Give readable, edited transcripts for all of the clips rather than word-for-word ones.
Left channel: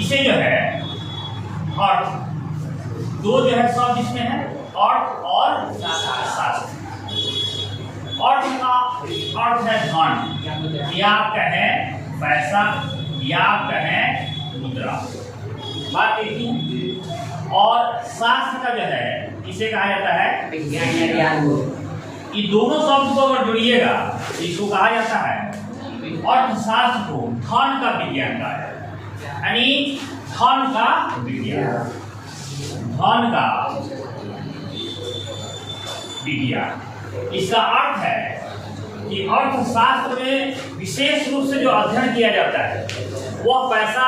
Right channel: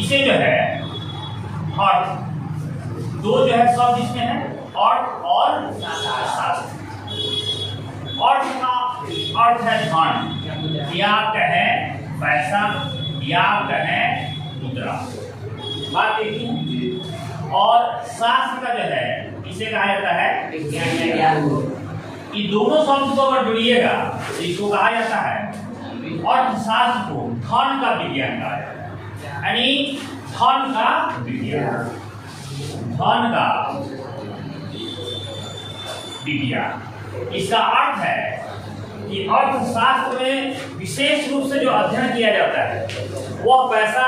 इसे जो है अर्थ, दो जो है शब्द इसमें है, अर्थ और शास्त्र। अर्थ का अर्थ है धन, या आप कहें पैसा, या आप कहें मुद्रा, बात एक ही है। और शास्त्र का जो है इसे कहा जाता है विज्ञान। ये दोनों शब्द को अगर जुड़िएगा तो इसको कहा जाता है अर्थशास्त्र को धन का विज्ञान कहा जाता है, यानी धन का विज्ञान, धन का विज्ञान। इसका अर्थ है कि अर्थशास्त्र में विशेष रूप से जो अध्ययन किया जाता है वह पैसा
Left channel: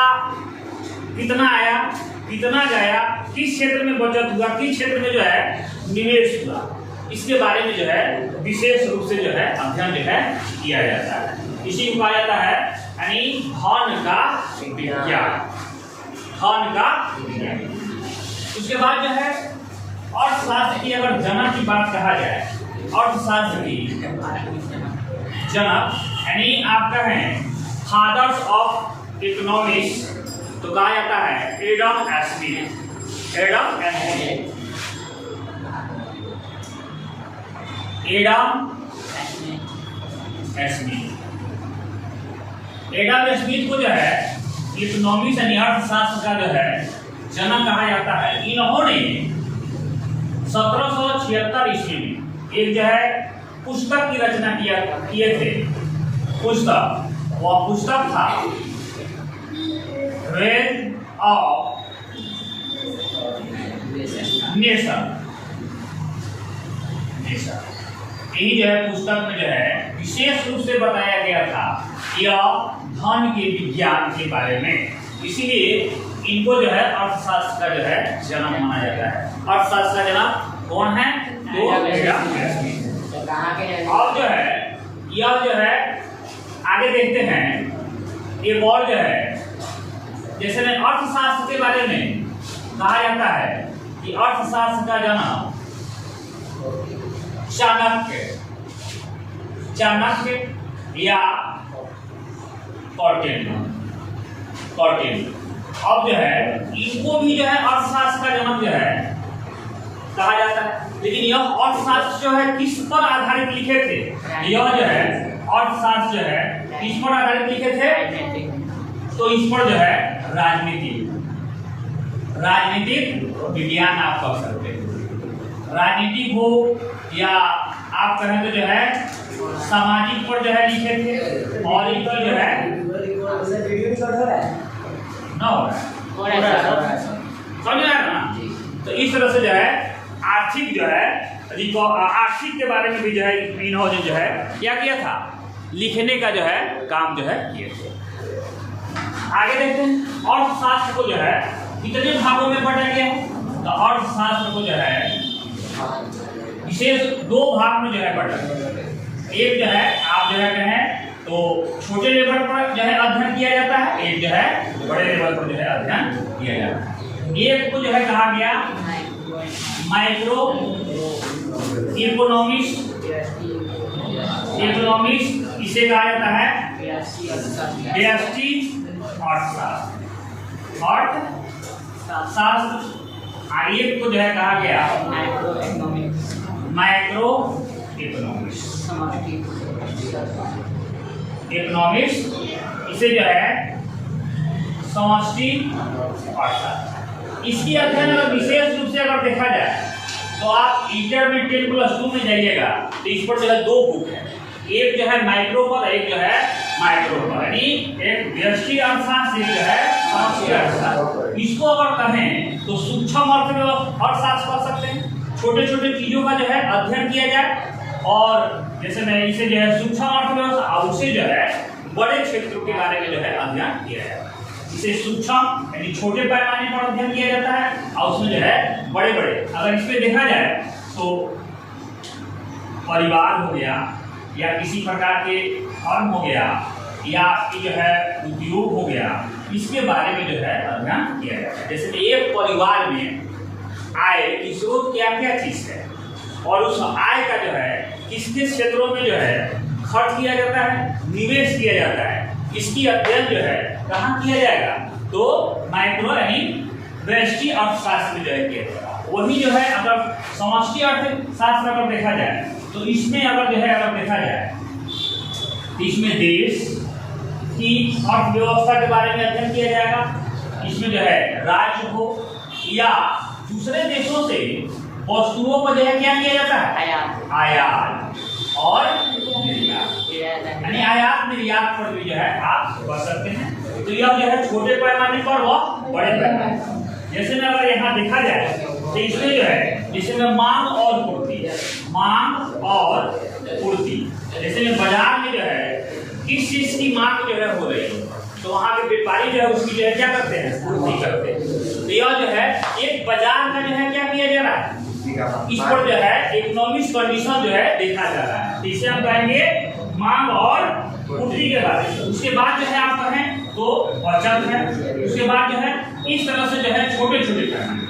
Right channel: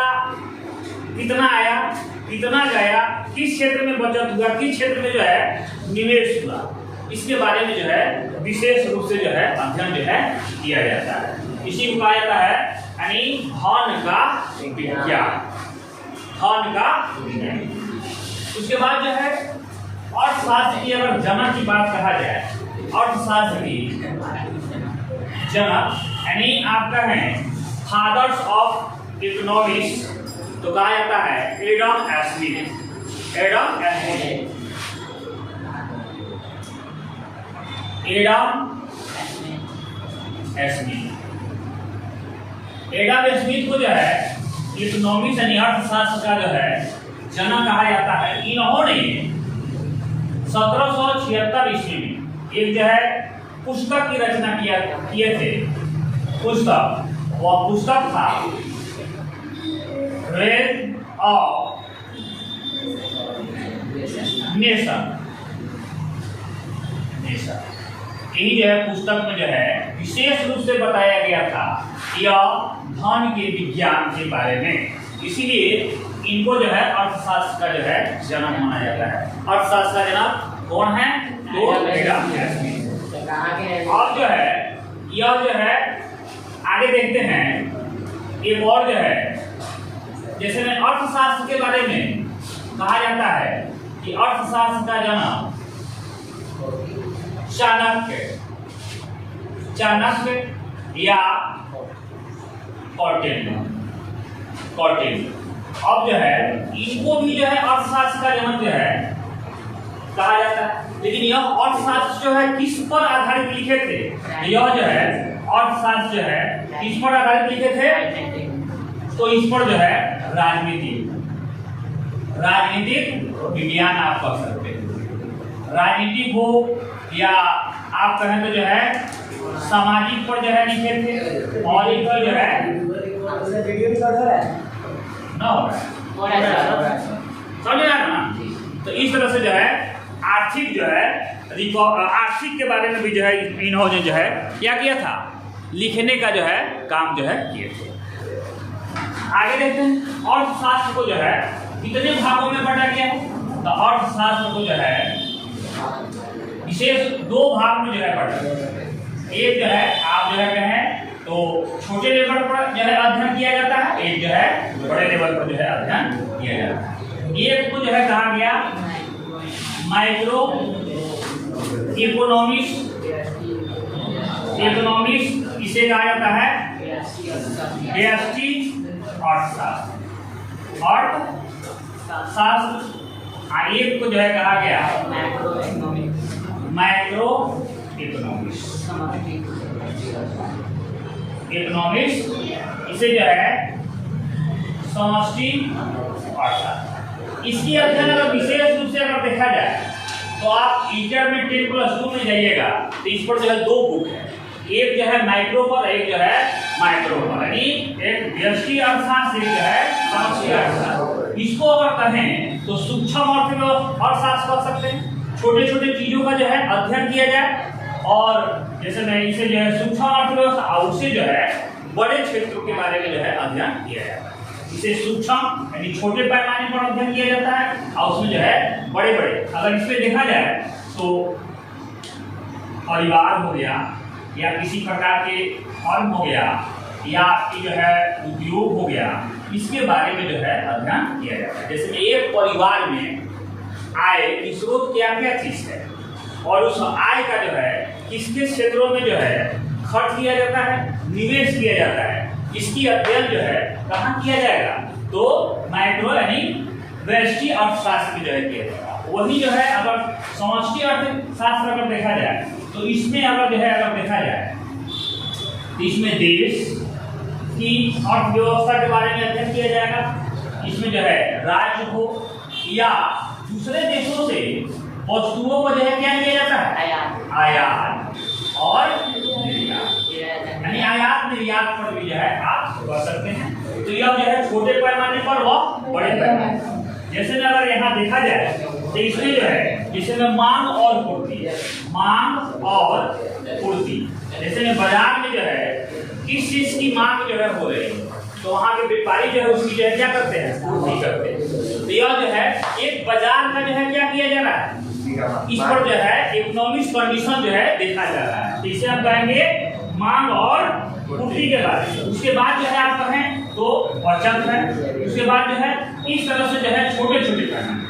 कितना आया, कितना गया, किस क्षेत्र में बचत हुआ, किस क्षेत्र में जो है निवेश हुआ, इसके बारे में जो है विशेष रूप से जो है अध्ययन जो है किया जाता है। इसी को कहा जाता है यानी धन का विज्ञान, धन का विज्ञान। उसके बाद जो है अर्थशास्त्र की अगर जनक की बात कहा जाए, अर्थशास्त्र की जनक यानी आप कहें फादर्स ऑफ इकोनॉमिक्स तो कहा जाता है Adam Smith. Adam Smith, Adam Smith, Adam Smith को जो है इकोनॉमिक्स यानी अर्थशास्त्र का जो है जनक कहा जाता है। इन्होंने 1776 ईस्वी में एक जो है पुस्तक की रचना किए थे। पुस्तक, वह पुस्तक था वेल्थ ऑफ नेशन। यही जो है पुस्तक में जो है विशेष रूप से बताया गया था यह धन के विज्ञान के बारे में, इसीलिए इनको जो है अर्थशास्त्र का जो है जनक माना जाता है। अर्थशास्त्र का जनक कौन है? तो एडम स्मिथ। अब जो है यह जो है आगे देखते हैं एक और जो है, जैसे में अर्थशास्त्र के बारे में कहा जाता है कि अर्थशास्त्र का जनक चाणक्य, चाणक्य या कौटिल्य। अब जो है इनको भी जो है अर्थशास्त्र का जनक जो है कहा जाता है। लेकिन यह अर्थशास्त्र जो है किस पर आधारित लिखे थे? यह जो है अर्थशास्त्र जो है किस पर आधारित लिखे थे? तो इस पर जो है राजनीतिक विज्ञान आप कह सकते हैं। राजनीतिक हो या आप कहें तो जो है सामाजिक पर जो है लिखे थे। और एक जो है समझ रहा है ना? तो इस तरह से जो है आर्थिक जो है आर्थिक के बारे में भी जो है इन्होंने जो है क्या किया था, लिखने का जो है काम जो है किए थे। आगे देखते हैं अर्थशास्त्र को जो है कितने भागों में बांटा गया है। तो अर्थशास्त्र को जो है विशेष दो भाग में जो है बांटा गया। एक जो है आप जो है कहें तो छोटे लेवल पर जो है अध्ययन किया जाता है, एक जो है बड़े लेवल पर जो है अध्ययन किया जाता है। एक को जो है कहा गया माइक्रो इकोनॉमिक्स, इसे कहा जाता है व्यष्टि अर्थशास्त्र। और एक को जो है कहा गया माइक्रो इकोनॉमिक्स, इसे जो है समष्टि अर्थशास्त्र। इसकी अध्ययन अगर विशेष रूप से अगर देखा जाए तो आप इंटरमीडिएट +2 में जाइएगा तो इस पर जो है दो बुक है, एक जो है माइक्रो पर, एक जो है माइक्रो पर, यानी एक व्यष्टि अर्थशास्त्र, एक जो है समष्टि अर्थशास्त्र। इसको अगर कहें तो सूक्ष्म अर्थशास्त्र कर सकते हैं। छोटे छोटे चीजों का जो है अध्ययन किया जाए और जैसे मैं इसे जो है सूक्ष्म अर्थव्यवस्था, उससे जो है बड़े क्षेत्रों के बारे में जो है अध्ययन किया जाता है। इसे सूक्ष्म यानी छोटे पैमाने पर अध्ययन किया जाता है और उसमें जो है बड़े बड़े, अगर इस पे देखा जाए तो परिवार हो गया या किसी प्रकार के फर्म हो गया या आपकी जो है उद्योग हो गया, इसके बारे में जो है अध्ययन किया जाता है। जैसे एक परिवार में आय की स्रोत क्या क्या चीज है और उस आय का जो है किस किस क्षेत्रों में जो है खर्च किया जाता है, निवेश किया जाता है, इसकी अध्ययन जो है कहाँ किया जाएगा? तो माइक्रो यानी व्यष्टि अर्थशास्त्र में जो है किया जाएगा। वही जो है अगर समष्टि अर्थशास्त्र अगर देखा जाए तो इसमें अगर जो है अगर देखा जाए तो इसमें देश की अर्थव्यवस्था के बारे में अध्ययन किया जाएगा। इसमें जो है राज्य हो या दूसरे देशों से वस्तुओं को जो है क्या किया जाता है, आयात और यानी आयात निर्यात पर भी जो है आप कर सकते हैं। तो यह जो है छोटे पैमाने पर व बड़े पैमाने, जैसे में अगर यहाँ देखा जाए तो इसमें जो है जिसमें मांग और पूर्ति, मांग और पूर्ति, जैसे में बाजार में जो है किस चीज की मांग जो है हो रही है तो वहाँ के व्यापारी जो है उसकी जो है क्या करते हैं, पूर्ति करते हैं। तो यह जो है एक बाजार का जो है क्या किया जा रहा है, इस पर जो है इकोनॉमिक कंडीशन जो है देखा जा रहा है। इसे हम कहेंगे मांग और पूर्ति के बारे में। उसके बाद जो है आप कहें तो बचत है। उसके बाद जो है इस तरह से जो है छोटे छोटे पैमाने।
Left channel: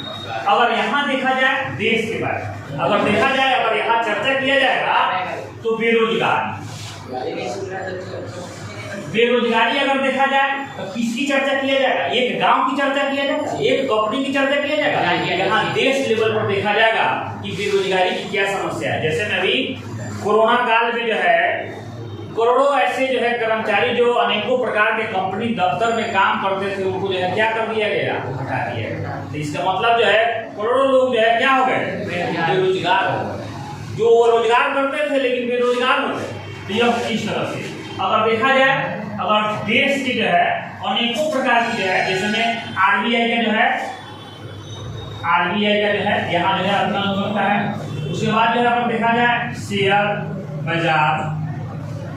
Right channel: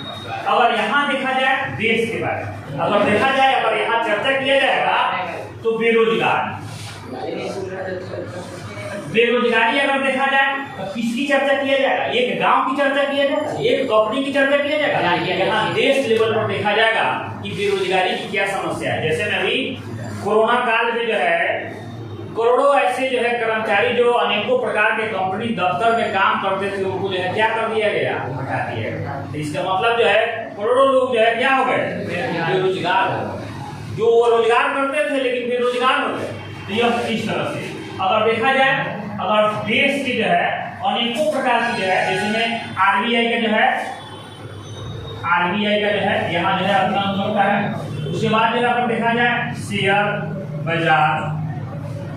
अगर यहाँ देखा जाए देश के बारे में, अगर देखा जाए अगर यहाँ चर्चा किया जाएगा तो बेरोजगार, बेरोजगारी अगर देखा जाए तो किसकी चर्चा किया जाएगा, एक गांव की चर्चा किया जाएगा, एक कंपनी की चर्चा किया जाएगा। यहाँ देश लेवल पर देखा जाएगा कि बेरोजगारी की क्या समस्या है। जैसे में अभी कोरोना काल में जो है करोड़ों ऐसे जो है कर्मचारी जो अनेकों प्रकार के कंपनी दफ्तर में काम करते थे उनको जो है क्या कर दिया गया, हटा दिया गया। तो इसका मतलब जो है करोड़ों लोग जो है क्या हो गए, बेरोजगार हो गए। जो रोजगार करते थे लेकिन बेरोजगार हो गए। तो यह इस तरह से अगर देखा जाए अगर देश की जो है अनेकों प्रकार की जो है जैसे में आरबीआई का जो है यहाँ जो है अध्ययन होता है। उसके बाद जो है अगर देखा जाए शेयर बाजार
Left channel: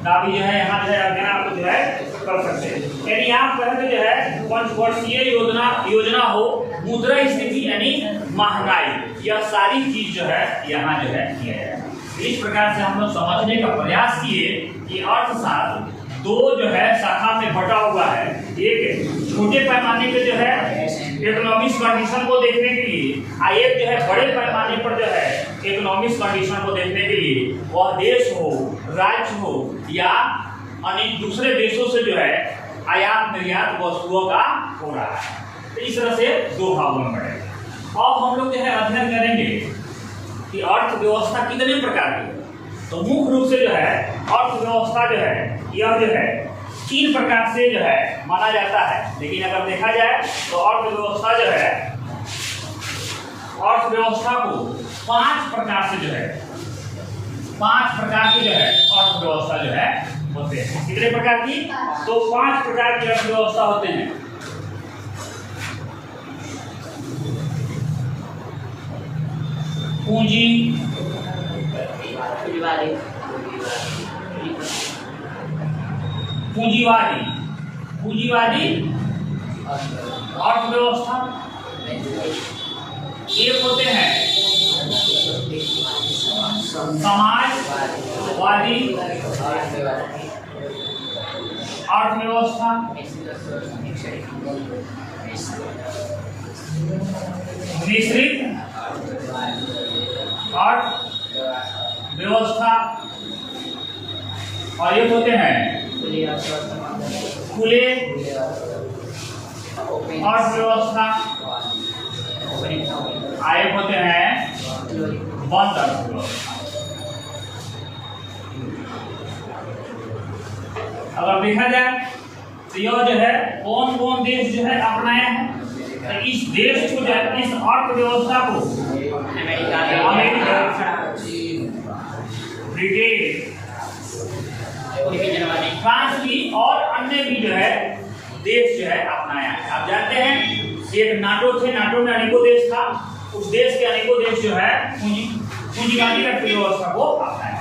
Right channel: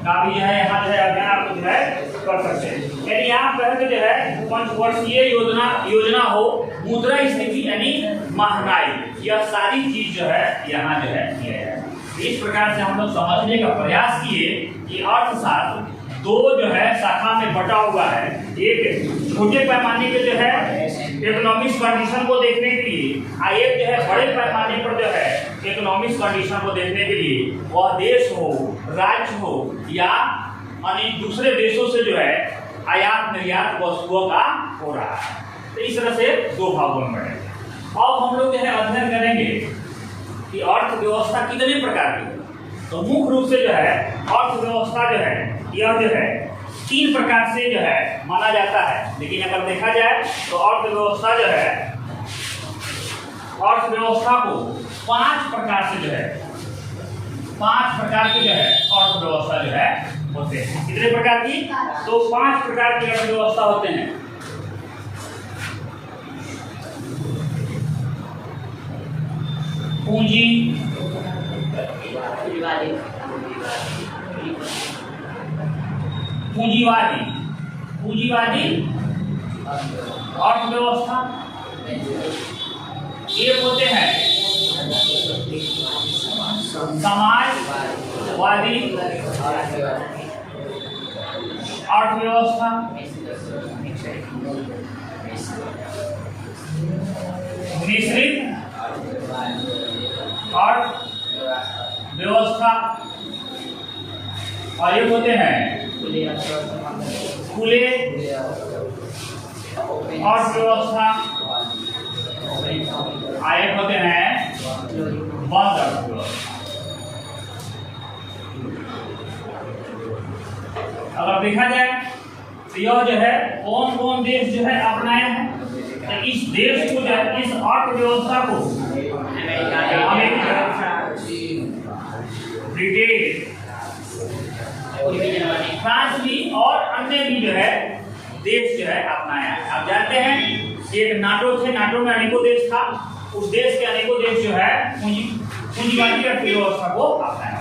का भी जो है यहाँ जो है अध्ययन आप जो है कर सकते हैं। यदि आप कहें तो जो है पंचवर्षीय योजना हो, मुद्रा स्थिति यानी महंगाई, यह सारी चीज जो है यहाँ जो है किया जाए। इस प्रकार से हम लोग समझने का प्रयास किए कि अर्थशास्त्र दो जो है शाखा में बटा हुआ है। एक छोटे पैमाने पे जो है इकोनॉमिक कंडीशन को देखने के लिए और एक जो है बड़े पैमाने पर जो है इकोनॉमिक कंडीशन को देखने के लिए, वह देश हो, राज्य हो या अनेक दूसरे देशों से जो है आयात निर्यात वस्तुओं का हो रहा है। तो इस तरह से दो भागों में बढ़ेंगे। अब हम लोग जो है अध्ययन करेंगे कि अर्थव्यवस्था कितने प्रकार की है। तो मुख्य रूप से जो है अर्थव्यवस्था जो है यह जो है 3 प्रकार से जो है माना जाता है। लेकिन अगर देखा जाए तो अर्थव्यवस्था जो है अर्थव्यवस्था को 5 प्रकार से जो है 5 प्रकार की जो है अर्थव्यवस्था जो है होते हैं। कितने प्रकार की, तो 5 प्रकार की अर्थव्यवस्था होते हैं। पूंजीवादी अर्थव्यवस्था, एक होते हैं समाजवादी अर्थव्यवस्था, मिश्रित अर्थव्यवस्था और ये होते हैं खुले अर्थव्यवस्था, आए होते हैं बंद अर्थव्यवस्था। अगर देखा जाए तो यह जो है कौन कौन देश जो है अपनाए हैं, तो इस देश को जो है इस अर्थव्यवस्था को अमेरिका, ब्रिटेन, फ्रांस भी और अन्य भी जो है देश जो है अपनाया है। आप जानते हैं एक नाटो थे, नाटो में अनेकों देश था, उस देश के अनेकों देश जो है पूंजीवादी अर्थव्यवस्था को अपनाया।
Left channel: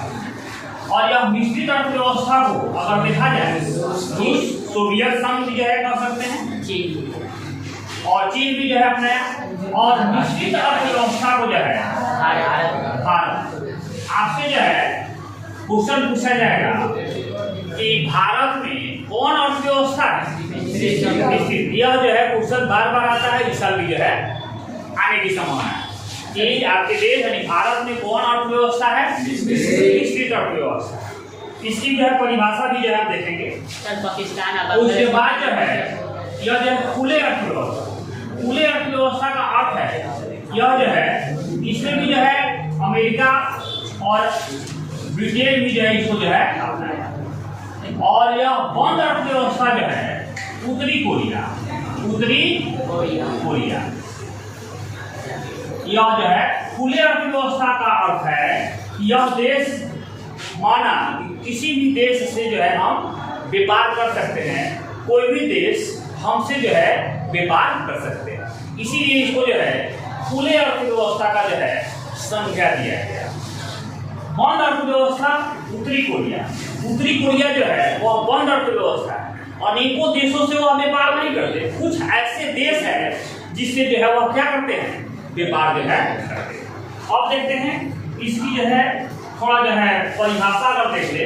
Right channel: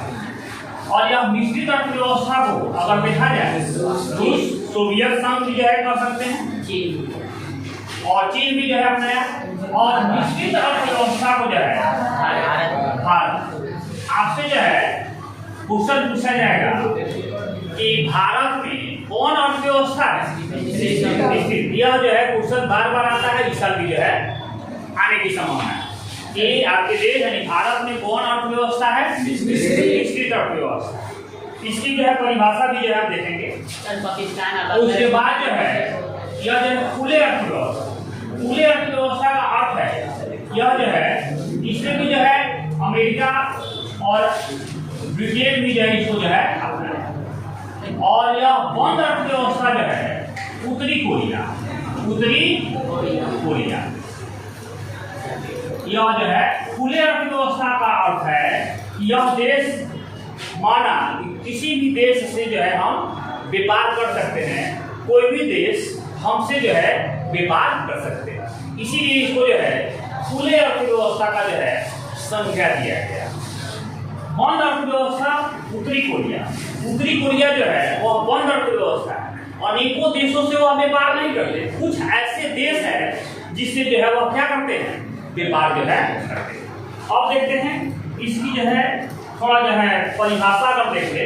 और यह मिश्रित अर्थव्यवस्था को अगर देखा जाए रूस, सोवियत संघ भी जो है कर सकते हैं, और चीन भी जो है अपनाया। और मिश्रित अर्थव्यवस्था को जो है भारत, आपसे जो है क्वेश्चन पूछा जाएगा कि भारत में कौन अर्थव्यवस्था है मिश्रित। यह जो है क्वेश्चन बार बार आता है, इस साल भी जो है आने की संभावना है कि आपके देश यानी भारत में कौन अर्थव्यवस्था है, मिश्रित अर्थव्यवस्था। इसकी जो है परिभाषा भी जो है हम देखेंगे। उसके बाद जो है यह जो है खुले अर्थव्यवस्था। खुले अर्थव्यवस्था का अर्थ है यह जो है इसमें भी जो है अमेरिका और ब्रिटेन भी जो है इसको जो है अपनाया। और यह बंद अर्थव्यवस्था जो है उत्तरी कोरिया, उत्तरी कोरिया। यह जो है खुले अर्थव्यवस्था का अर्थ है कि यह देश माना किसी भी देश से जो है हम व्यापार कर सकते हैं, कोई भी देश हमसे जो है व्यापार कर सकते हैं, इसीलिए इसको जो है खुले अर्थव्यवस्था का जो है संज्ञा दिया गया। बंद अर्थव्यवस्था उत्तरी कोरिया, उत्तरी कोरिया जो है वह बंद अर्थव्यवस्था है, अनेकों देशों से वह व्यापार नहीं करते। कुछ ऐसे देश है जिससे जो है वह क्या करते हैं, व्यापार जो है करते हैं। अब देखते हैं इसकी जो है थोड़ा जो है परिभाषा अगर देख ले,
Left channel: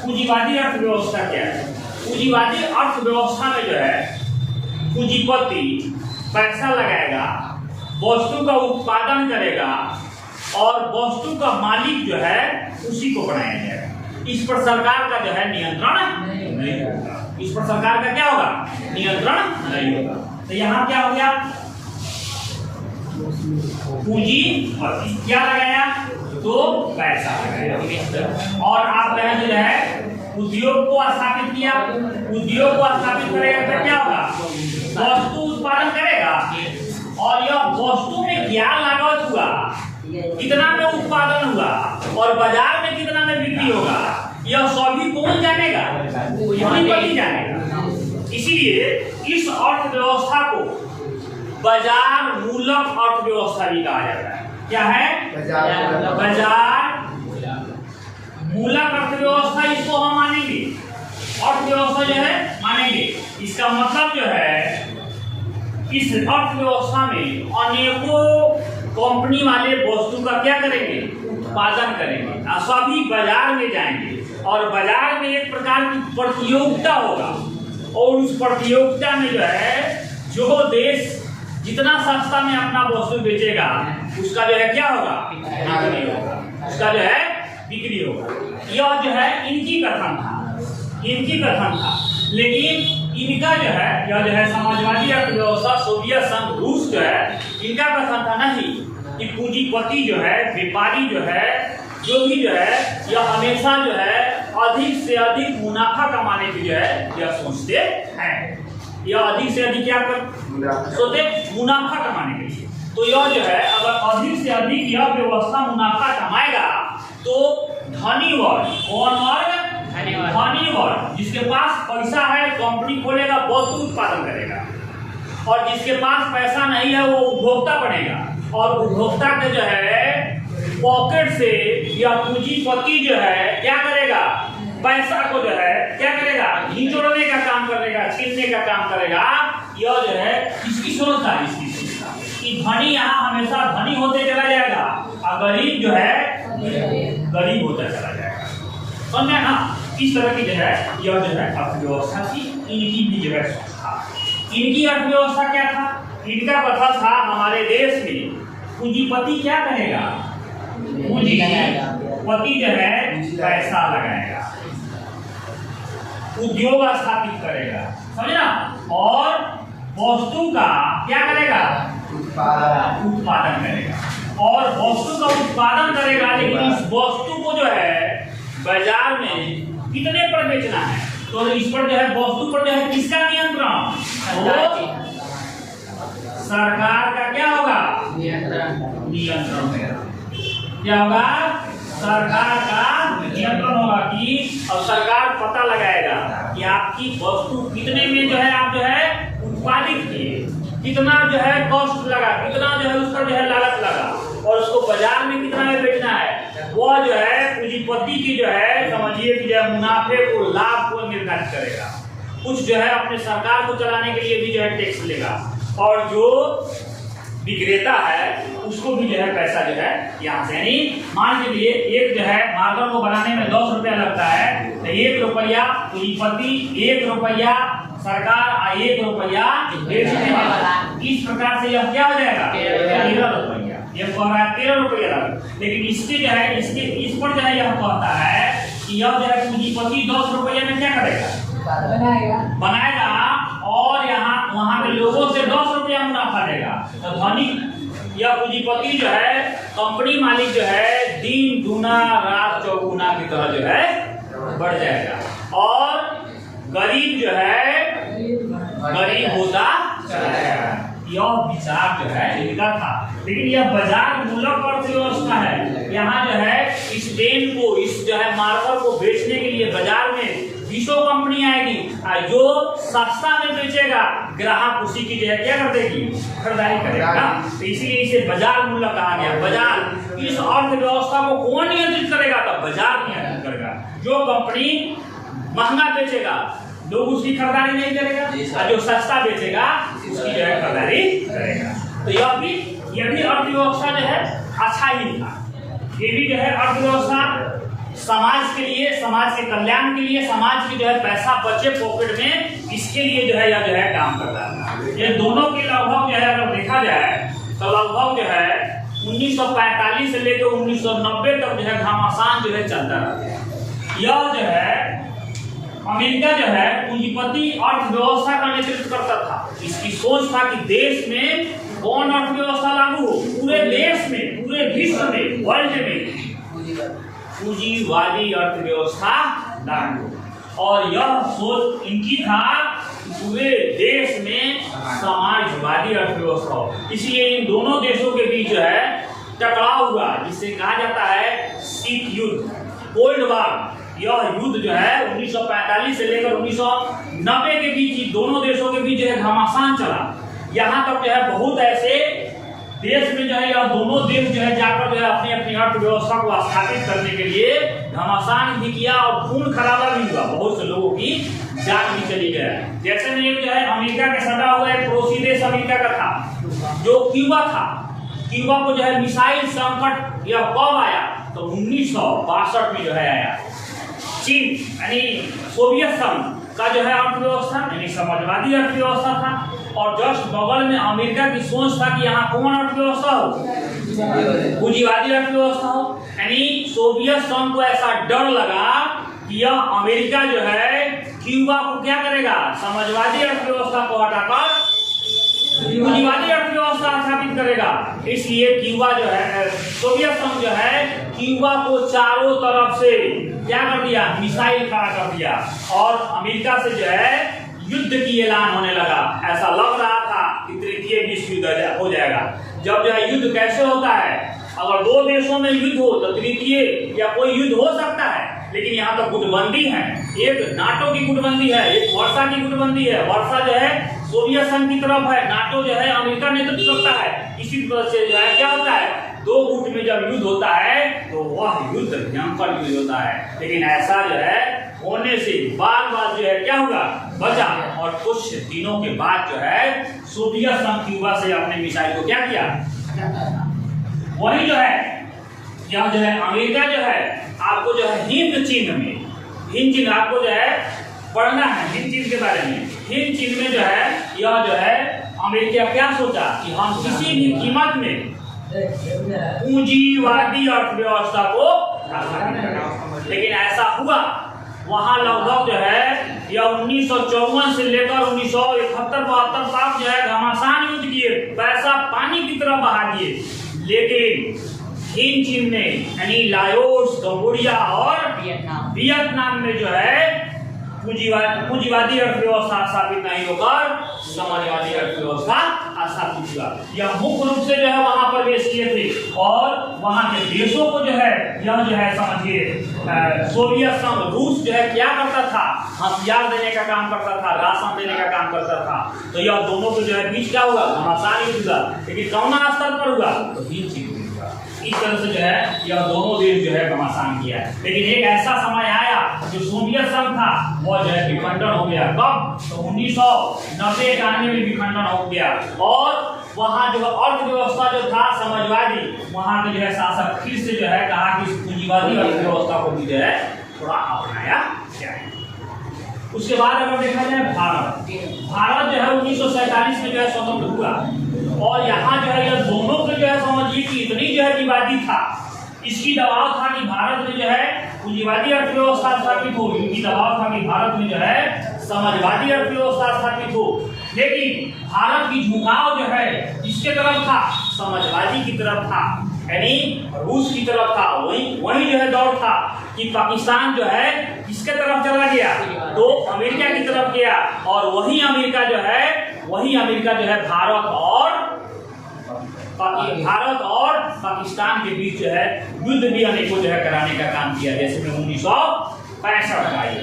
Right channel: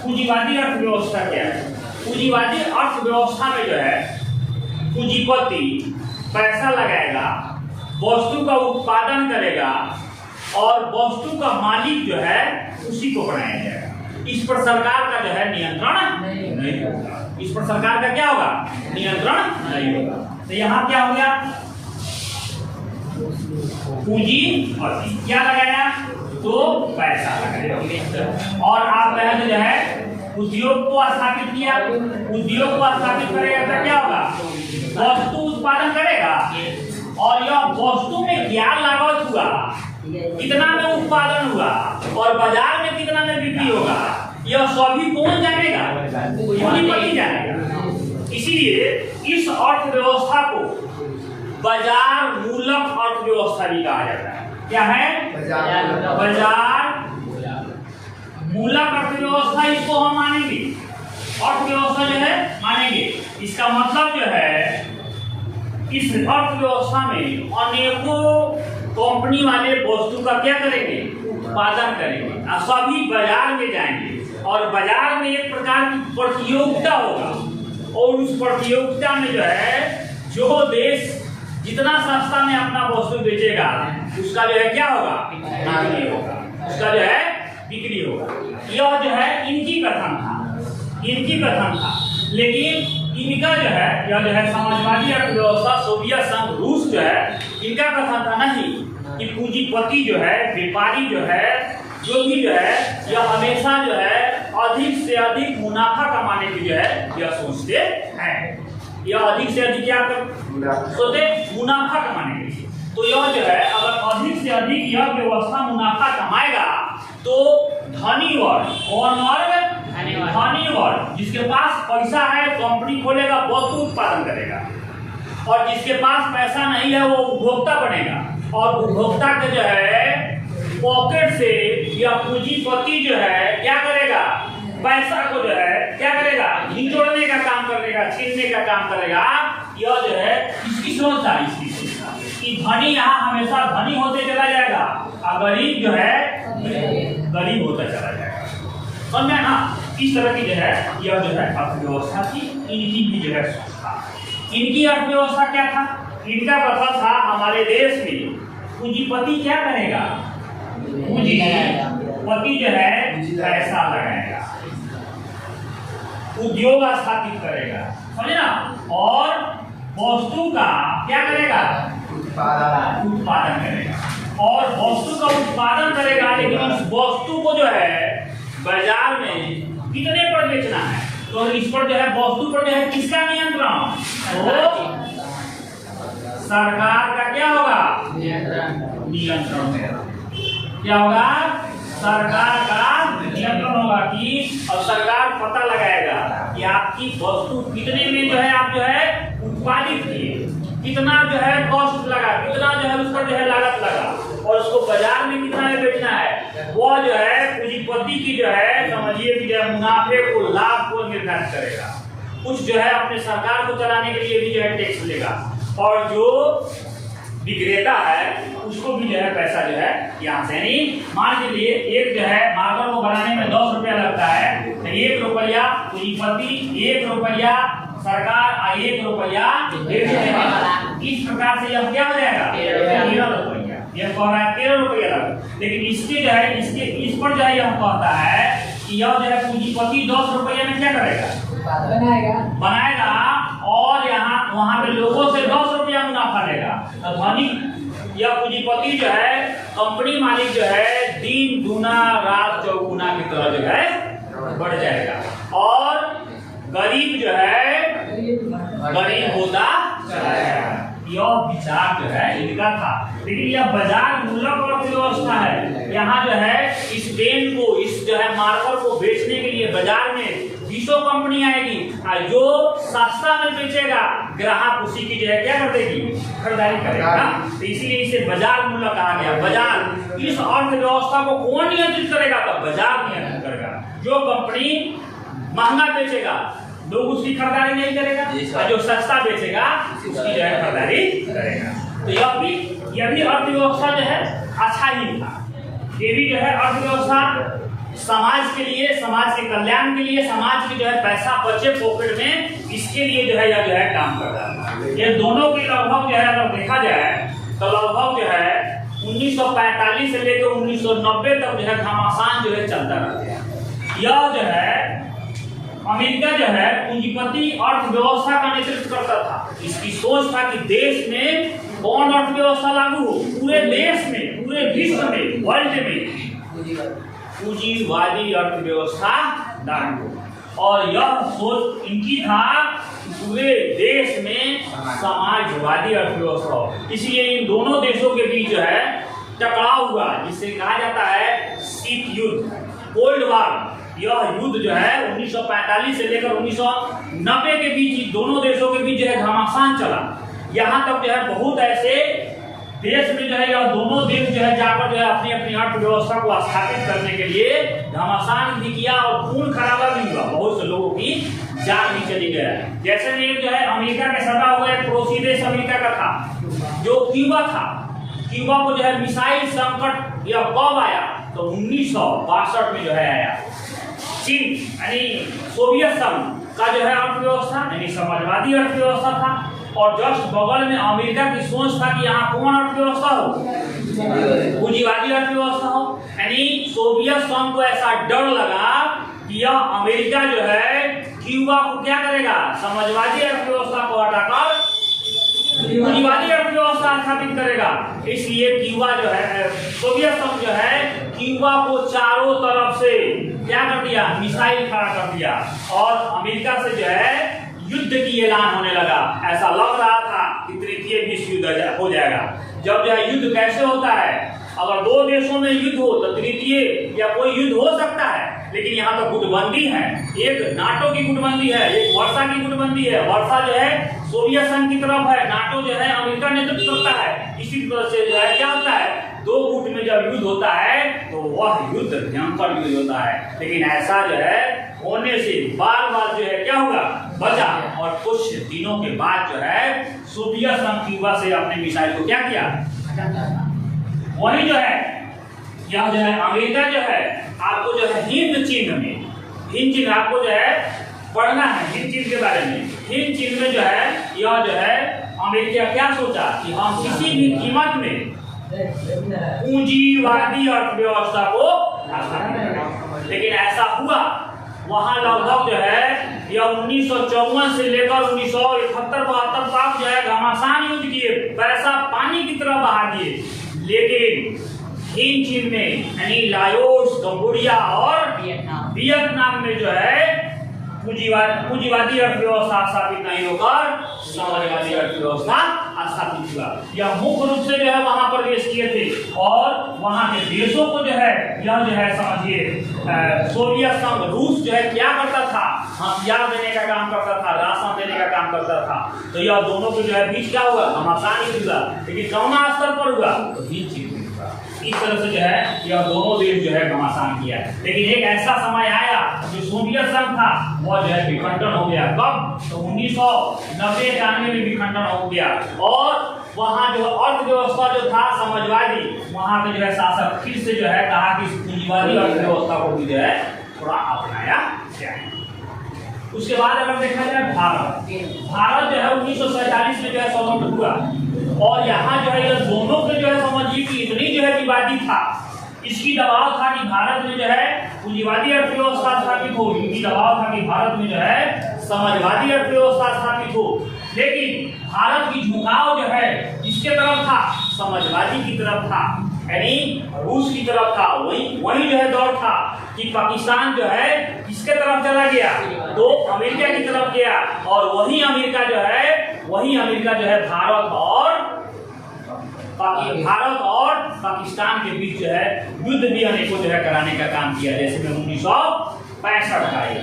पूंजीवादी अर्थव्यवस्था क्या है। पूंजीवादी अर्थव्यवस्था में जो है पूंजीपति पैसा लगाएगा, वस्तु का उत्पादन करेगा और वस्तु का मालिक जो है उसी को बनाया जाएगा। इस पर सरकार का जो है नियंत्रण नहीं होगा। इस पर सरकार का क्या होगा, नियंत्रण नहीं होगा। तो यहाँ क्या हो गया, पूंजीपति क्या लगाया, तो पैसा लगाया। और आप जो है उद्योग को स्थापित किया, उद्योग को स्थापित करेगा तो क्या होगा, वस्तु उत्पादन करेगा और यह वस्तु में क्या लागत हुआ, कितना में उत्पादन हुआ और बाजार में कितना में बिक्री होगा, यह सभी कौन जानेगा, पूंजीपति जानेगा। इसीलिए इस अर्थव्यवस्था को बाजार मूलक अर्थव्यवस्था भी कहा जाता है। क्या है, बाजार मूलक अर्थव्यवस्था, इसको हम मानेंगे, अर्थव्यवस्था जो है मानेंगे। इसका मतलब जो है इस अर्थव्यवस्था में अनेकों कंपनी वाले वस्तु का क्या करेंगे, उत्पादन करेंगे और सभी बाजार में जाएंगे और बाजार में एक प्रकार की प्रतियोगिता होगा और उस प्रतियोगिता में जो है जो देश जितना सस्ता में अपना वस्तु बेचेगा उसका जो है क्या होगा, बिक्री होगा, उसका जो है बिक्री होगा। यह जो है इनकी कथन था, इनकी कथन था। लेकिन इनका जो है यह जो है समाजवादी अर्थव्यवस्था, सोवियत संघ, रूस जो है इनका कथन था नहीं कि पूंजीपति जो है, व्यापारी जो है, जो भी जो है यह हमेशा जो है अधिक से अधिक मुनाफा कमाने की जो है यह सोचते हैं। यह अधिक से अधिक क्या सोचते, मुनाफा कमाने के लिए। तो यह जो है अगर अधिक से अधिक यह व्यवस्था मुनाफा कमाएगा तो धनी वर्ग, कौन वर्ग, धनी वर्ग, जिसके पास पैसा है कंपनी खोलेगा, वस्तु उत्पादन करेगा, और जिसके पास पैसा नहीं है वो उपभोक्ता बनेगा और उपभोक्ता के जो है पॉकेट से या पूंजीपति जो है क्या करेगा, पैसा को जो है क्या करेगा, निचोड़ने का काम करेगा, छीनने का काम करेगा। यह जो है इसकी सोच था, इसकी सोच था कि धनी यहाँ हमेशा धनी होते चला जाएगा और गरीब जो है गरीब होता चला जाएगा। समझे ना, इस तरह की जो है यह जो है अर्थव्यवस्था थी। इनकी भी जो है सोच था। इनकी अर्थव्यवस्था क्या था, इनका कथा था हमारे देश में पूंजीपति क्या करेगा, पूंजीपति जो है पैसा लगाएगा, उद्योग स्थापित करेगा, समझे ना, और वस्तु का क्या करेगा, उत्पादन करेगा और वस्तु का उत्पादन करेगा। लेकिन उस वस्तु को जो है बाजार में कितने पर बेचना है, तो इस पर जो है वस्तु पर जो है किसका नियंत्रण, वो सरकार का क्या होगा, नियंत्रण है। क्या होगा, सरकार का नियंत्रण होगा कि अब सरकार पता लगाएगा कि आपकी वस्तु कितने में जो है आप जो है उत्पादित किए, कितना जो है कॉस्ट लगा, कितना जो है उस पर जो है लागत लगा और उसको बाजार में कितना में बेचना है। वो जो है पूंजीपति की जो है समझिए कि जो है मुनाफे को, लाभ को निर्धारित करेगा। कुछ जो है अपने सरकार को चलाने के लिए भी जो है टैक्स लेगा और जो विक्रेता है उसको भी जो है पैसा जो है यहाँ से, यानी मान लीजिए एक जो है मार्कर को बनाने में 10 रुपया लगता है तो 1 रुपया पूंजीपति, 1 रुपया सरकार, 1 रुपया इस प्रकार से यह क्या हो जाएगा, 13 रुपया। यह कह रहा है 13 रुपया लगा, लेकिन इसके जो है इसके इस पर जो है यह कहता है कि यह जो है पूंजीपति 10 रुपया में क्या करेगा, बनाएगा और यहाँ वहां के लोगों से 10 रुपया मुनाफा लेगा। तो धनिक या पूंजीपति जो है, कंपनी मालिक जो है, दिन दुना रात चौगुना की तरह जो है बढ़ जाएगा और गरीब जो है गरीब होता चला जाएगा। यह विचार जो है इनका था। लेकिन यह बाजार मूलक अर्थव्यवस्था है। यहाँ जो है इस पेन को, इस जो है मार्कर को बेचने के लिए बाजार में 20 कंपनी आएगी और जो सस्ता में बेचेगा ग्राहक उसी की जो है क्या कर देगी, खरीदारी करेगा ना। तो इसीलिए इसे बाजार मूलक कहा गया। बाजार, इस अर्थव्यवस्था को कौन नियंत्रित करेगा? तो बाजार नियंत्रित करेगा। जो कंपनी महंगा बेचेगा लोग उसकी खरीदारी नहीं करेगा और जो सस्ता बेचेगा उसकी जो है खरीदारी करेगा। तो यह भी अर्थव्यवस्था जो है अच्छा ही था। ये भी जो है अर्थव्यवस्था समाज के लिए, समाज के कल्याण के लिए, समाज की जो है पैसा बचे पॉकेट में, इसके लिए जो है यह जो है काम करता है। ये दोनों की लगभग जो है अगर देखा जाए तो लगभग जो है 1945 से लेकर 1990 तक जो है घमासान जो है चलता रहा। यह जो है अमेरिका जो है पूंजीपति अर्थव्यवस्था का नेतृत्व करता था। इसकी सोच था कि देश में कौन अर्थव्यवस्था लागू हो, पूरे देश में, पूरे विश्व में, वर्ल्ड में पूंजीवादी अर्थव्यवस्था लागू हो। और यह सोच इनकी था पूरे देश में समाजवादी अर्थव्यवस्था हो। इसलिए इन दोनों देशों के बीच जो है टकराव हुआ, जिसे कहा जाता है शीत युद्ध, कोल्ड वार। यह युद्ध जो है 1945 से लेकर 1990 के बीच दोनों देशों के बीच जो है घमासान चला। यहाँ तक जो है बहुत ऐसे देश में जो है यह दोनों देश जो है जाकर जो है अपनी अपनी अर्थव्यवस्था को स्थापित करने के लिए घमासान भी किया और खून खराबा भी हुआ। बहुत से लोगों की जान भी चली गया। जैसे में जो है अमेरिका के सटा हुआ एक पड़ोसी देश अमेरिका का था जो क्यूबा था। क्यूबा को जो है मिसाइल संकट यह कब आया? तो 1962 में जो है आया। चीन यानी सोवियत संघ का जो है अर्थव्यवस्था यानी समाजवादी अर्थव्यवस्था था और जस्ट बगल में अमेरिका की सोच था कि यहाँ कौन अर्थव्यवस्था हो, पूंजीवादी अर्थव्यवस्था हो। यानी सोवियत संघ को ऐसा डर लगा कि यह अमेरिका जो है क्यूबा को क्या करेगा, समाजवादी अर्थव्यवस्था को हटाकर पूंजीवादी अर्थव्यवस्था स्थापित करेगा। इसलिए क्यूबा जो है, सोवियत संघ जो है क्यूबा को चारों तरफ से क्या कर दिया, मिसाइल खड़ा कर दिया और अमेरिका से जो है युद्ध की ऐलान होने लगा। ऐसा लग रहा था कि तृतीय विश्व युद्ध हो जाएगा। जब जो है युद्ध कैसे होता है, अगर दो देशों में युद्ध हो तो तृतीय या कोई युद्ध हो सकता है, लेकिन यहाँ तो गुटबंदी है। एक नाटो की गुटबंदी है, एक वर्षा की गुटबंदी है। वर्षा जो है सोवियत संघ की तरफ है, नाटो जो है अमेरिका नेतृत्व करता है। इसी तरह से जो है क्या होता है, दो गुट में जब युद्ध होता है तो वह युद्ध भयंकर युद्ध होता है। लेकिन ऐसा जो है होने से बार बार जो है क्या हुआ, बचा। और कुछ दिनों के बाद जो है सोवियत संघ क्यूबा से अपने मिसाइल को क्या किया, वही जो है यह जो है अमेरिका जो है आपको जो है हिंद चिन्ह में, हिंद चिन्ह आपको जो है पढ़ना है हिंद चिन्ह के बारे में। हिंद चिन्ह में जो है यह जो है अमेरिका क्या सोचा कि हम किसी भी कीमत में पूंजीवादी अर्थव्यवस्था को स्थापित करें। लेकिन ऐसा हुआ, वहां लगभग जो है यह 1954 से लेकर 1971-72 तक जो है घमासान युद्ध किए, पैसा पानी की तरह बहा दिए। लेकिन हिंद चिन्ह में यानी लाओस, कंबोडिया और वियतनाम में जो है पूंजीवादी अर्थव्यवस्था स्थापित नहीं होकर समाजवादी अर्थव्यवस्था स्थापित हुआ। यह मुख्य रूप से जो है वहां प्रवेश किए थे और वहां के देशों को जो है यह जो है समझिए सोवियत संघ, रूस जो है क्या करता था, हथियार देने का काम करता था, राशन देने का काम करता था। तो यह दोनों के जो है बीच क्या हुआ, घमासान युद्ध हुआ। लेकिन कौन स्तर पर हुआ, तो हिंद चिन्ह में हुआ। इस तरह से जो है यह दोनों देश जो है घमासान किया है। लेकिन एक ऐसा समय आया जो सोवियत संघ था वह जो है विखंडन हो गया। कब, तो 1990-91 में विखंडन हो गया और वहाँ जो अर्थव्यवस्था जो था समाजवादी, वहाँ के जो है शासक फिर से जो है कहा कि पूंजीवादी अर्थव्यवस्था को भी जो है थोड़ा अपनाया जाए। उसके बाद अगर देखा जाए भारत जो है 1947 में जो है स्वतंत्र हुआ और यहाँ जो है यह दोनों के जो है समझिए कि इतनी जो है विवादी था, इसकी दबाव था कि भारत में जो है पूंजीवादी अर्थव्यवस्था स्थापित हो, इनकी दबाव था कि भारत में जो है समाजवादी अर्थव्यवस्था स्थापित हो, लेकिन भारत की झुकाव जो है किसके तरफ था? समाजवादी की तरफ था, यानी रूस की तरफ था। वही जो है दौर था कि पाकिस्तान जो है किसके तरफ चला गया? तो अमेरिका की तरफ गया, और वही अमेरिका जो है भारत और पाकिस्तान के बीच जो है युद्ध भी अनेकों जो है कराने का काम किया, जैसे में 1965 का ये,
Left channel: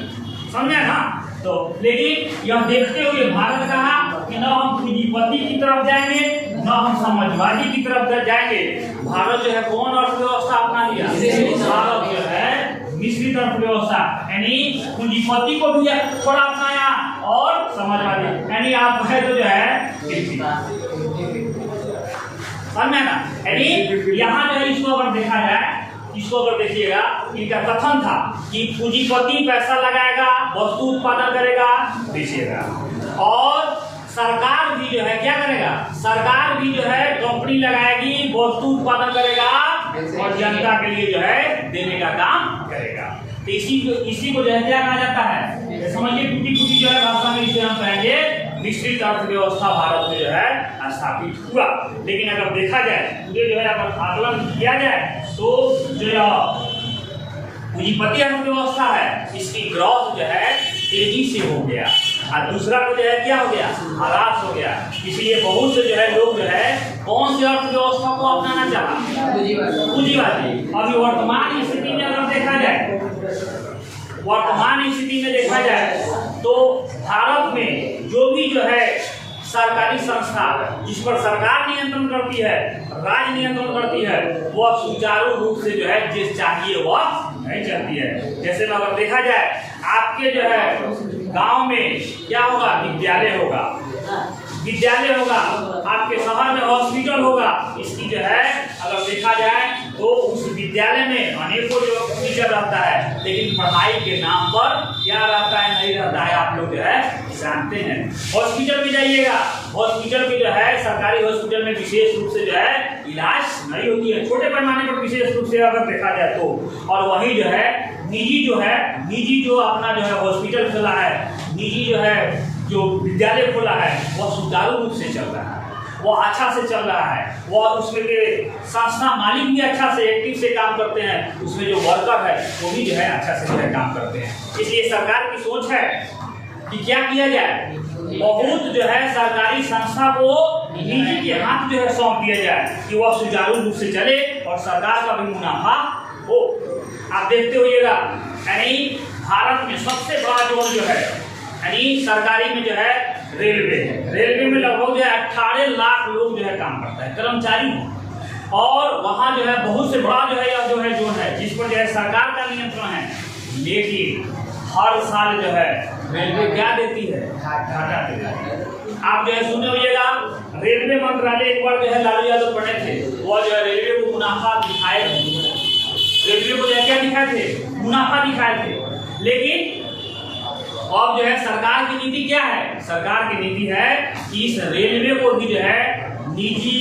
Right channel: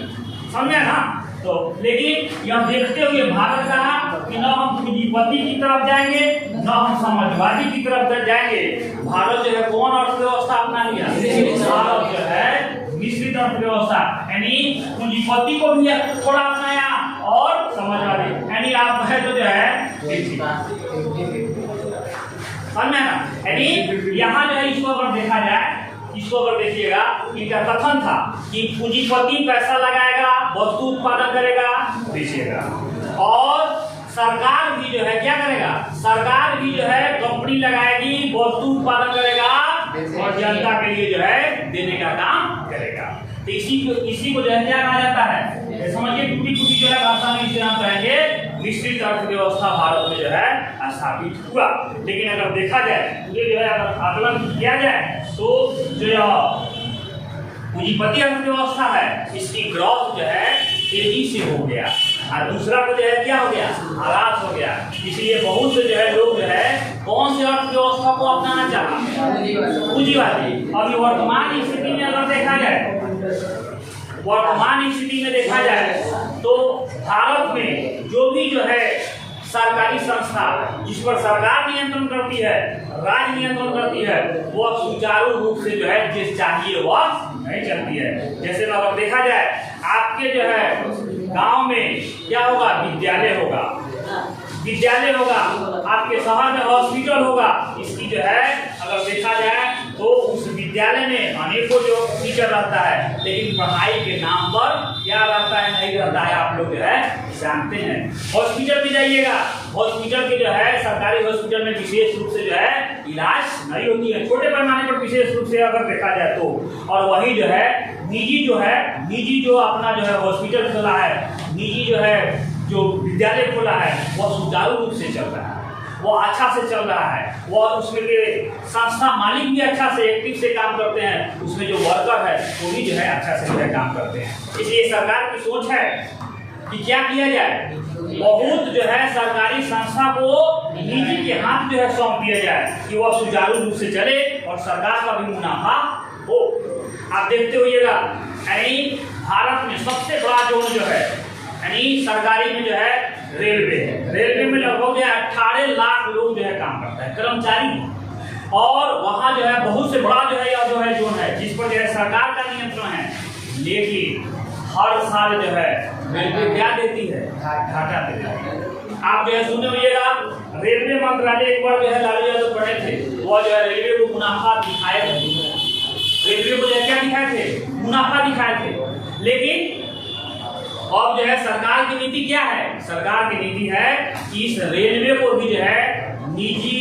समझे ना? तो लेकिन यह देखते हुए भारत कहा कि न हम पूंजीपति की तरफ जाएंगे, न हम समाजवादी की तरफ जाएंगे। भारत जो है कौन अर्थव्यवस्था अपना लिया? भारत जो है मिश्रित अर्थव्यवस्था, यानी पूंजीपति को भी थोड़ा अपनाया और समाजवादी, यानी आप कहे तो जो है समझे ना? यानी यहाँ जो है इसको अगर देखा जाए, इसको अगर देखिएगा, इनका कथन था कि पूंजीपति पैसा लगाएगा, वस्तु उत्पादन करेगा, बेचेगा, और सरकार भी जो है क्या करेगा? सरकार भी जो है कंपनी लगाएगी, वस्तु उत्पादन करेगा और जनता के लिए जो है देने का काम करेगा। तो इसी को जो है क्या कहा जाता है? समझिए, टूटी जो है भाषा में इसे हम कहेंगे मिश्रित अर्थव्यवस्था भारत में जो है स्थापित हुआ। लेकिन अगर देखा जाए, पूरे जो है अगर आकलन किया जाए, तो जो पूंजीपति अर्थव्यवस्था है इसकी ग्रोथ जो है तेजी से हो गया, और दूसरा को जो है क्या हो गया? ह्रास हो गया। इसलिए बहुत से जो है लोग जो है कौन से अर्थव्यवस्था को अपनाना चाहा? पूंजीवादी। अभी वर्तमान स्थिति में अगर देखा जाए, तो भारत में जो भी जो है सरकारी संस्था जिस पर सरकार नियंत्रण करती है, राज्य नियंत्रण करती है, वह सुचारू रूप से जो है जिस चाहिए वह नहीं चलती है। जैसे अगर देखा जाए, आपके जो है गांव में क्या होगा? विद्यालय होगा, आपके शहर में हॉस्पिटल होगा। इसकी जो है अगर देखा जाए तो उस विद्यालय में अनेकों जो टीचर रहता है, लेकिन पढ़ाई के नाम पर क्या रहता है? नहीं रहता है। आप लोग जो है जानते हैं। हॉस्पिटल में जाइएगा, हॉस्पिटल के जो है सरकारी हॉस्पिटल में विशेष रूप से जो है इलाज नहीं होती है, छोटे पैमाने पर विशेष रूप से अगर देखा जाए तो। और वही जो है निजी जो अपना जो है हॉस्पिटल खोला है, निजी जो है जो विद्यालय खोला है, वह सुचारू रूप से चल रहा है, वह अच्छा से चल रहा है, वह उसमें के संस्था मालिक भी अच्छा से एक्टिव से काम करते हैं, उसमें जो वर्कर है वो भी जो है अच्छा से जो है काम करते हैं। इसलिए सरकार की सोच है कि क्या किया जाए? बहुत जो है सरकारी संस्था को निजी के हाथ जो है सौंप दिया जाए कि वह सुचारू रूप से चले और सरकार का भी मुनाफा हो। आप देखते होइएगा, यानी भारत में सबसे बड़ा जोन जो है यानी सरकारी में जो है रेलवे में लगभग जो है 18 लाख लोग जो है काम करता है, कर्मचारी। और वहाँ जो है बहुत से बड़ा जो है जोन है जिस पर जो है सरकार का नियंत्रण है। लेकिन हर साल जो है रेलवे क्या देती है? घाटा देती है। आप जो है सुने होइएगा, रेलवे मंत्रालय एक बार जो है लालू यादव पढ़े थे, वो जो है रेलवे को मुनाफा दिखाए थे, रेलवे को क्या दिखाए थे? मुनाफा दिखाए थे। लेकिन अब जो है सरकार की नीति क्या है? सरकार की नीति है कि इस रेलवे को भी जो है निजी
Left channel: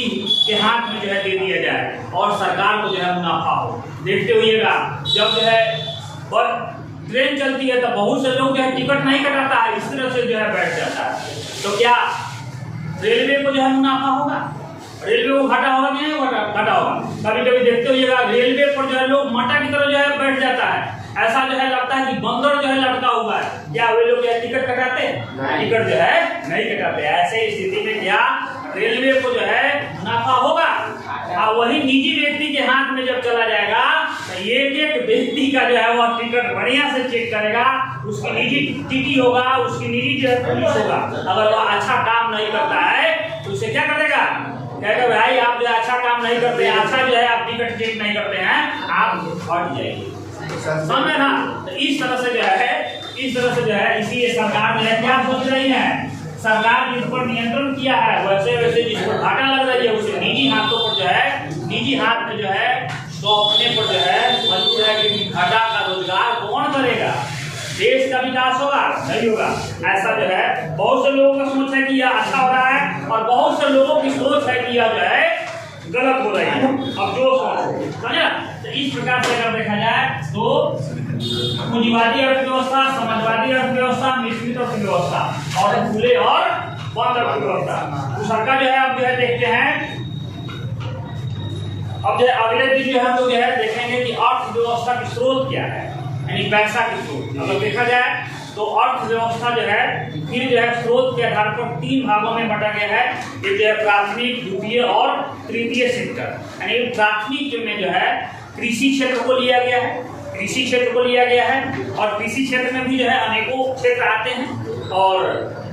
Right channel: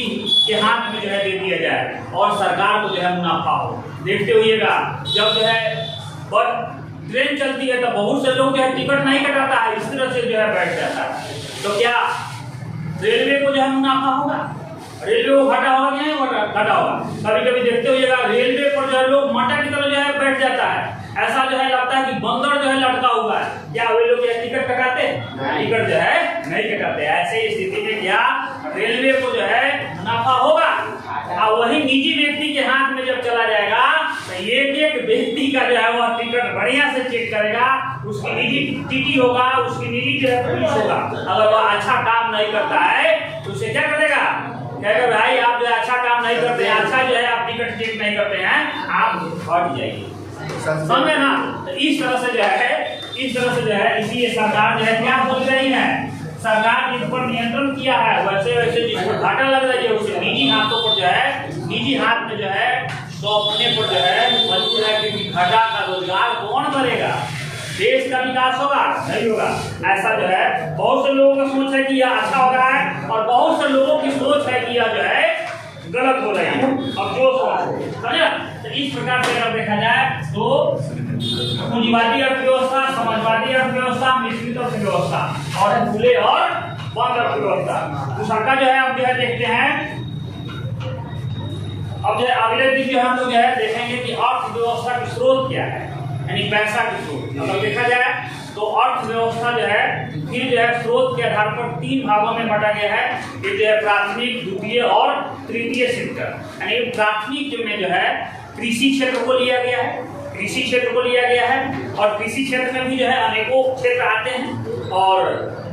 के हाथ में जो है दे दिया जाए और सरकार को जो है मुनाफा हो। देखते होइएगा, जब जो है ट्रेन चलती है तो बहुत से लोग जो है टिकट नहीं कटाता है, इस तरह से जो है बैठ जाता है। तो क्या रेलवे को जो है मुनाफा होगा? रेलवे को घाटा होगा कि नहीं घाटा होगा? कभी कभी देखते होइएगा रेलवे पर जो है लोग मटा की तरह जो है बैठ जाता है, ऐसा जो है लगता है कि बंदर जो है लटका हुआ है। क्या वे लोग टिकट कटाते? टिकट जो है नहीं कटाते। ऐसे स्थिति में क्या रेलवे को जो है मुनाफा होगा? और वही निजी व्यक्ति के हाथ में जब चला जाएगा तो एक व्यक्ति का जो है वह टिकट बढ़िया से चेक करेगा, उसकी निजी टीटी होगा, उसकी निजी जो है पुलिस होगा। अगर वह अच्छा काम नहीं करता है तो उसे क्या करेगा? कहेगा भाई आप जो अच्छा काम नहीं करते हैं, अच्छा जो है आप टिकट चेक नहीं करते हैं, आप हट जाइए। समझे ना? तो इस तरह से जो है इसीलिए सरकार जो है क्या सोच रही है? सरकार जिस पर नियंत्रण किया है वैसे जिस पर घाटा लग रही है उसे निजी हाथों पर जो है निजी हाथ में जो है सौंपने पर जो है मजबूर है, क्योंकि घाटा का रोजगार कौन करेगा? देश का विकास होगा? नहीं होगा। ऐसा जो है बहुत से लोगों का सोच है कि यह अच्छा हो रहा है और बहुत से लोगों की सोच है कि यह जो है गलत हो रही है। अब जो समझे तो इस प्रकार से अगर देखा जाए तो पूंजीवादी अर्थव्यवस्था, समाजवादी अर्थव्यवस्था, मिश्रित अर्थव्यवस्था और खुले और बंद अर्थव्यवस्था। दूसरा का जो है अब जो है देखते हैं, अब जो है अगले दिन जो है हम लोग जो है देखेंगे कि अर्थव्यवस्था की स्रोत क्या है, यानी पैसा की स्रोत। अगर देखा जाए तो अर्थव्यवस्था जो है फिर जो है स्रोत के आधार पर 3 भागों में बांटा गया है। एक जो है प्राथमिक, द्वितीय और तृतीय सेक्टर। यानी प्राथमिक में जो है कृषि क्षेत्र को लिया गया है, कृषि क्षेत्र को लिया गया है और कृषि क्षेत्र में भी जो है अनेकों क्षेत्र आते हैं। और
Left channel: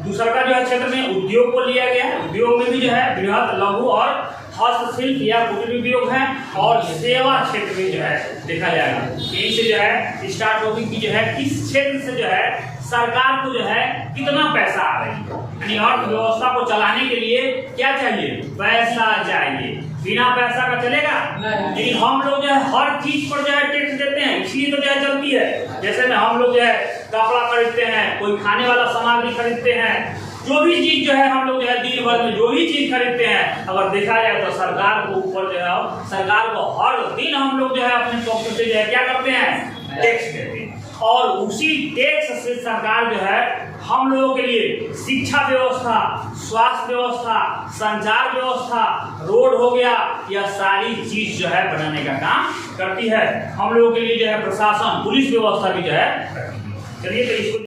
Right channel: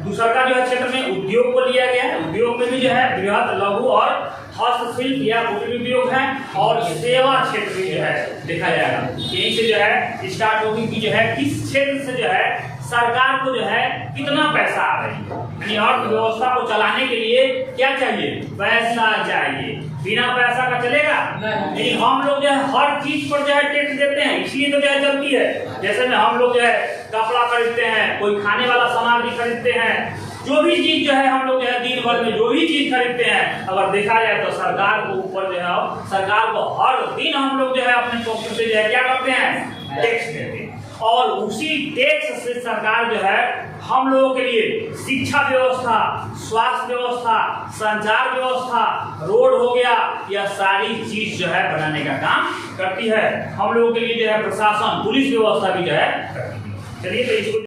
दूसरा का जो है क्षेत्र में उद्योग को लिया गया है, उद्योग में भी जो है बृहद, लघु और हस्तशिल्प या कुटीर उद्योग है और सेवा क्षेत्र में जो है देखा जाएगा। यही से जो है स्टार्ट होगी कि जो है किस क्षेत्र से जो है सरकार को जो है कितना पैसा आ रही है। यानी अर्थव्यवस्था को चलाने के लिए क्या चाहिए, पैसा चाहिए। बिना पैसा का चलेगा नहीं। हम लोग जो है हर चीज पर जो है टैक्स देते हैं, इसलिए तो जो है चलती है। जैसे में हम लोग जो है कपड़ा खरीदते हैं, कोई खाने वाला सामग्री खरीदते हैं, जो भी चीज जो है हम लोग जो है दिन भर में जो भी चीज खरीदते हैं, अगर देखा जाए तो सरकार को ऊपर जो है सरकार को हर दिन हम लोग जो है अपने पॉकेट से जो है क्या करते हैं, टैक्स देते हैं। और उसी टैक्स से सरकार जो है हम लोगों के लिए शिक्षा व्यवस्था, स्वास्थ्य व्यवस्था, संचार व्यवस्था, रोड हो गया, यह सारी चीज जो है बनाने का काम करती है। हम लोगों के लिए जो है प्रशासन, पुलिस व्यवस्था भी जो है करती है। चलिए तो इसको